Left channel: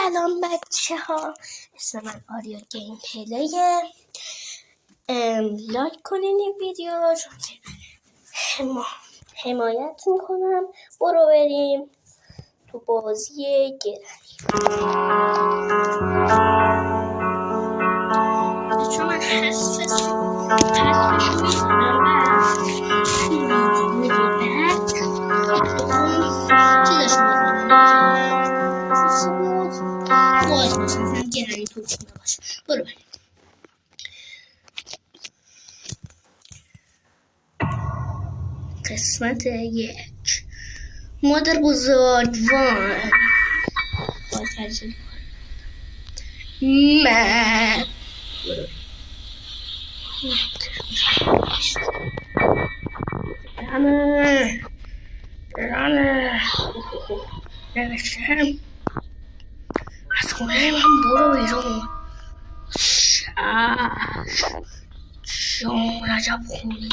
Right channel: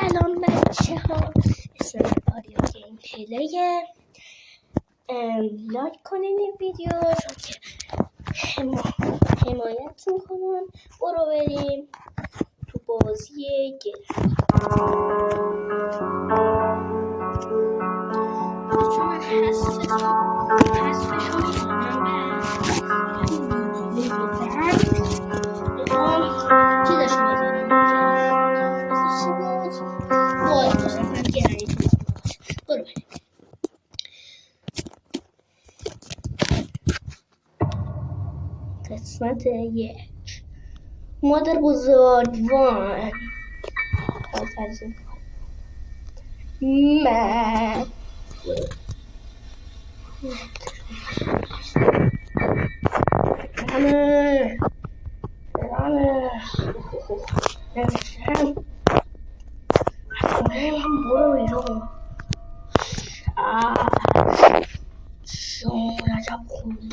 سلام بچه ها، اسم من آریا گیم پلیه. لایک کنین این ویدیو رو که حمایت میکنم. برو بریم تو بازی گرم. چون من حذفشو میکنم تو ویدیو بعد چیزشو بزنم چی بود؟ باز باشه اصلا گرمی توش نباشه. برو بریم. قسمت 1 مادر بزرگوار با ترجمه من رانه نوشتم از خونه من برو بیرون. شام عجب خونه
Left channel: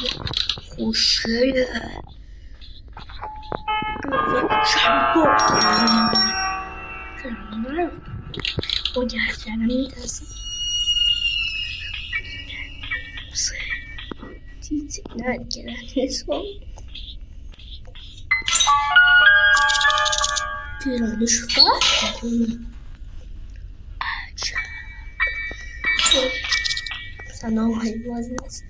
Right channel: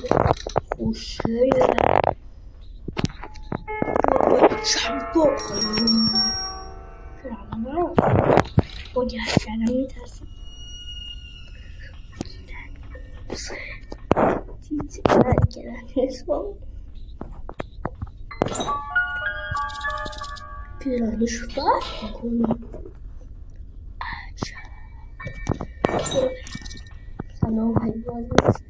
خوشگله. شب با گردنم میترسم. دیدی نگرن حساب پیرانش فرق میکنه. عجب سلام های باز نیست.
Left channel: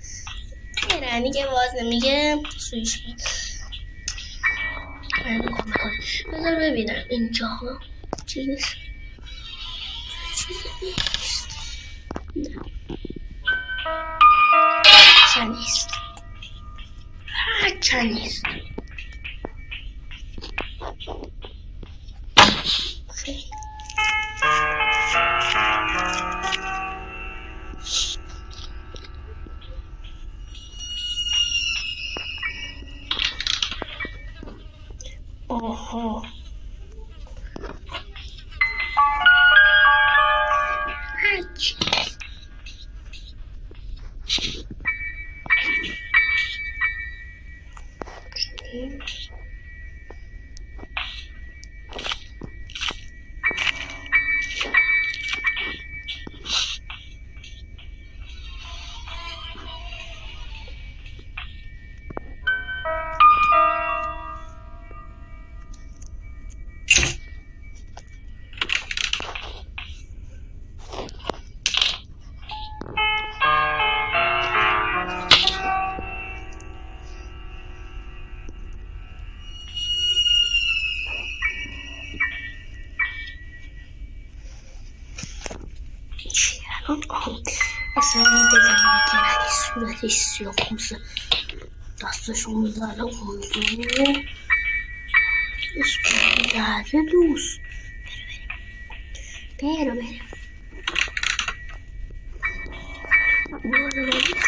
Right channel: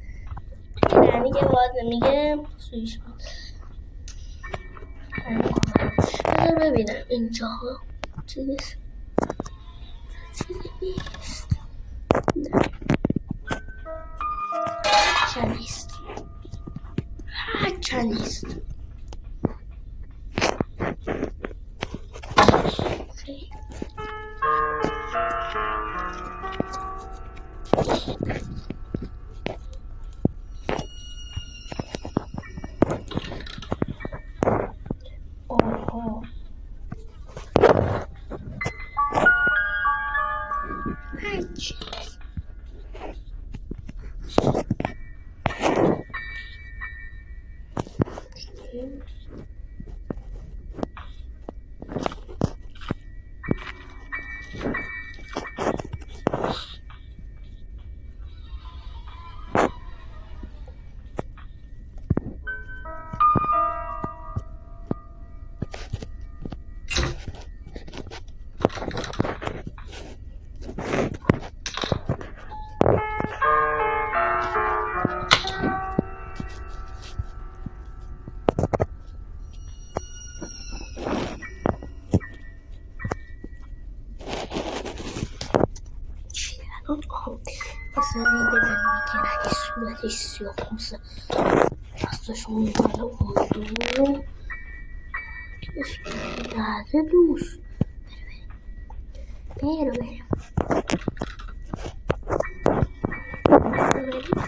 یعنی که باز نمیگه سویش بید. بذار ببینم اینجاها چیزی نیست. نیست هرچه نیست. آها هرچی اصلا دیدم میگرد صورتش سیاه خوزه، دستشون میبره حضور اسم دوست. بریم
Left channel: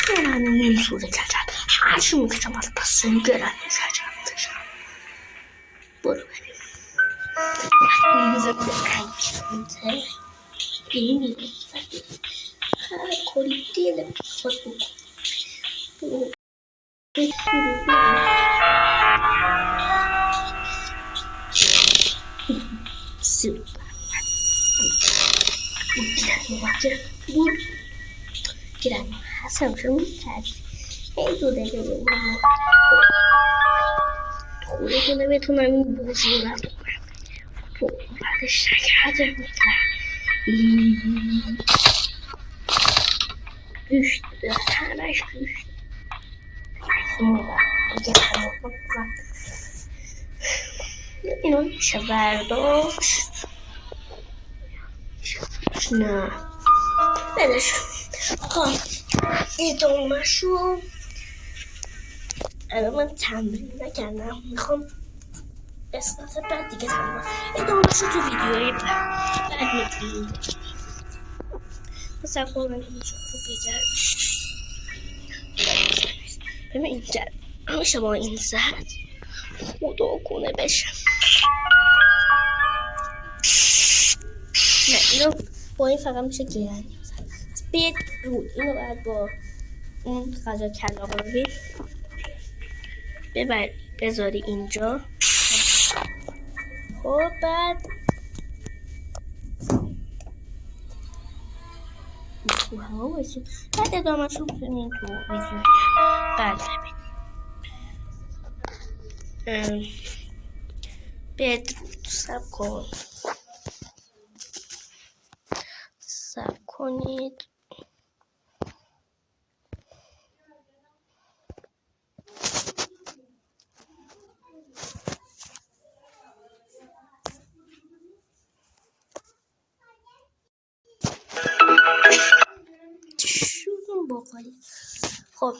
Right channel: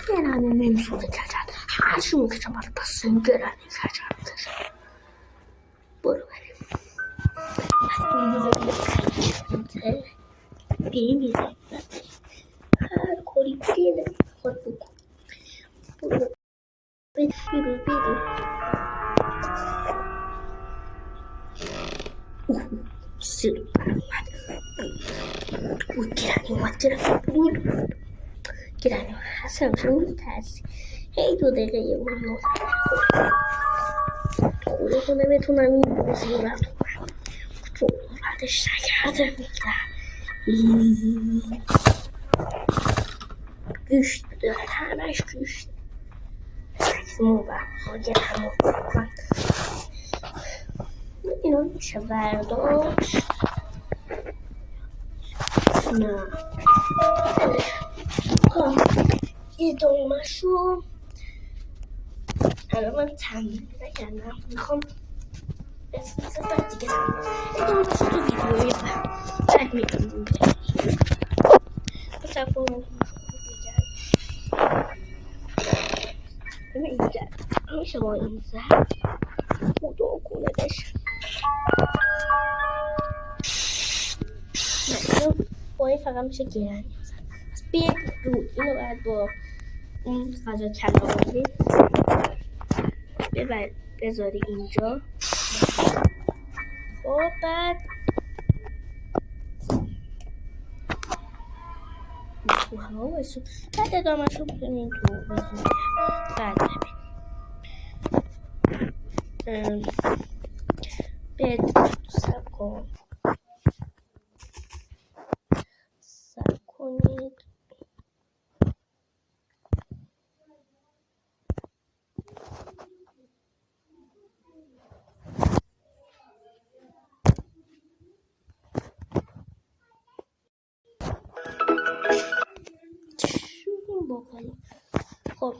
گرنه نمیسوزه کچن هرچی میکشم از پسیم گرنه کچن. برو بریم این بزرگ کنیشونده این کاری دیدم خود بکن. برو سیلو گرنه حسن شو میترسی. این 2 دقیقه یه برو خوده کنه بتونم این بازی رو تو بعدش نکرده میگرم گوشت همش گوشت اینا میشه برداشت. نه بدش ادامه شو. الان من تمرین نکردم، میخوام قسمت بعد دیگه تمرین ادامه شو تو ویدیوی بعد میدونیم. مثلا من اینجا رو بگرد ببین اینجا میشه با این زد خدا کنه بشه. نه اینو با این فقط میشه گرنی زد. پس بیاد رود اینو باید با اون غذا کلاغی بذاری اینجا. خب بعد تو هوا وایسون. بعد ادامهش رو میتونین تو ویدیو بعد ببینید. سب کنید. شروع باقالی. خب